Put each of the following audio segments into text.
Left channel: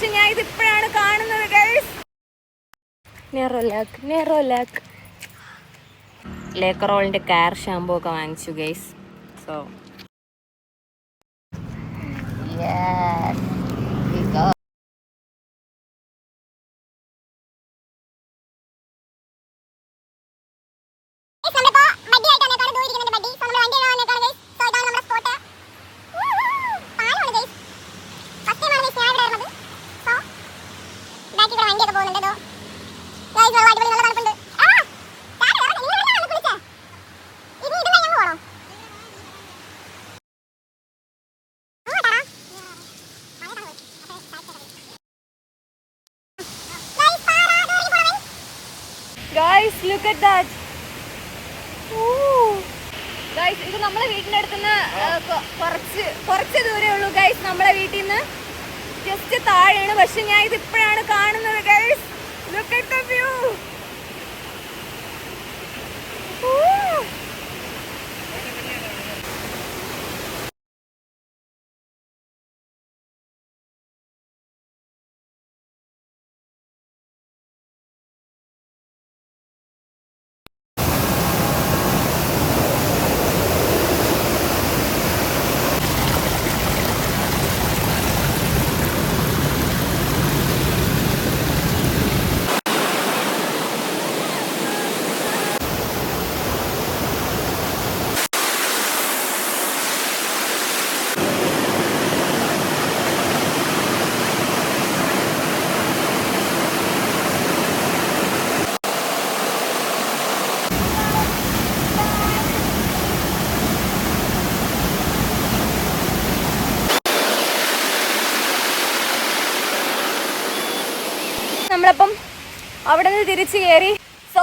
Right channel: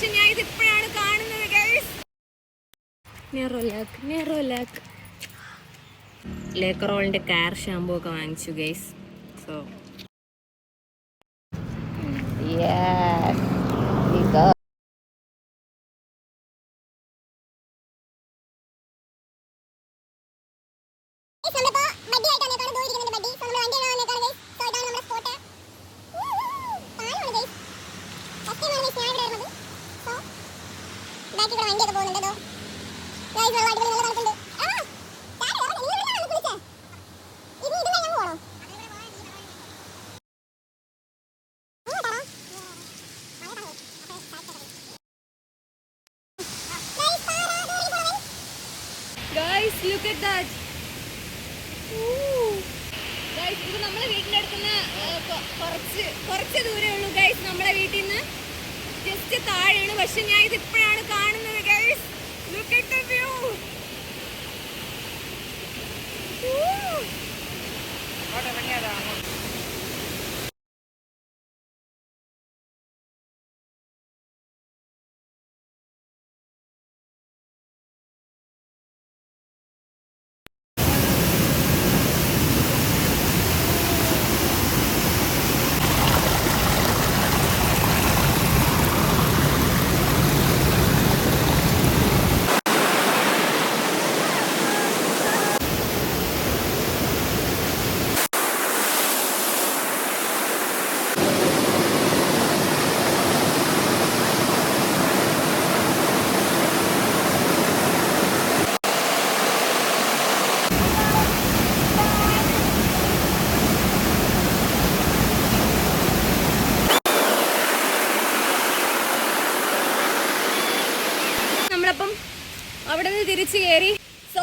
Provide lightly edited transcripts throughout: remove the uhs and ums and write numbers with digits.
പക്ഷെ ഞാൻ ഇത് ഇപ്പോഴാണ് കാണുന്നത് ഗൈസ്. നെറോലാക്ക് ലേക്കറോളിന്റെ കാർ ഷാമ്പൂ ഒക്കെ വാങ്ങിച്ചു guys. So guys, look at that. Guys, ഇത് നമ്മളെ വീടിന്റെ അടുത്തുനിന്ന് കുറച്ച് ദൂരേ ഉള്ളൂ ഗൈസ്. നമ്മളെ വീട്ടിൽ നിന്ന് ജസ്റ്റ് താഴെയാണ്. പക്ഷെ ഞാൻ ഇത് ഇപ്പോഴാണ് കാണുന്നത് guys. Look at the view. നമ്മളപ്പം അവിടെ നിന്ന് തിരിച്ചു കയറി. സോ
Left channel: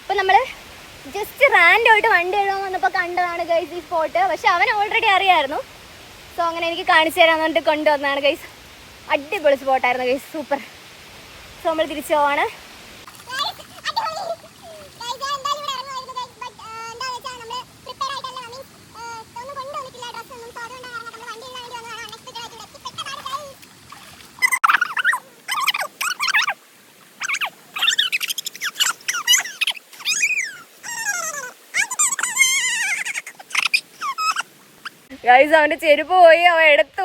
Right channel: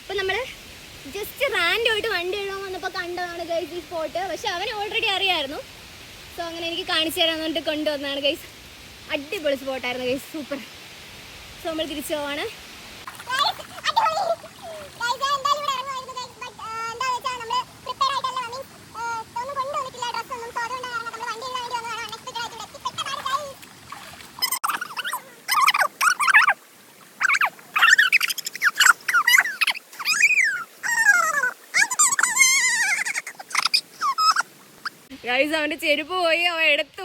ഇപ്പൊ നമ്മള് ജസ്റ്റ് റാൻഡായിട്ട് വണ്ടി എഴുതാൻ വന്നപ്പോ കണ്ടതാണ് ഗൈസ് ഈ സ്പോട്ട്. പക്ഷെ അവൻ ഓൾറെഡി അറിയായിരുന്നു. സോ അങ്ങനെ എനിക്ക് കാണിച്ചു തരാന്ന് പറഞ്ഞിട്ട് കൊണ്ടുവന്നതാണ് ഗൈസ്. അടിപൊളി സ്പോട്ടായിരുന്നു ഗൈസ്, സൂപ്പർ. സോ നമ്മൾ തിരിച്ചു പോവാണ്. ഗൈസ് അവന്റെ ചെരുപ്പ് പോയി, അവൻ എടുത്തു.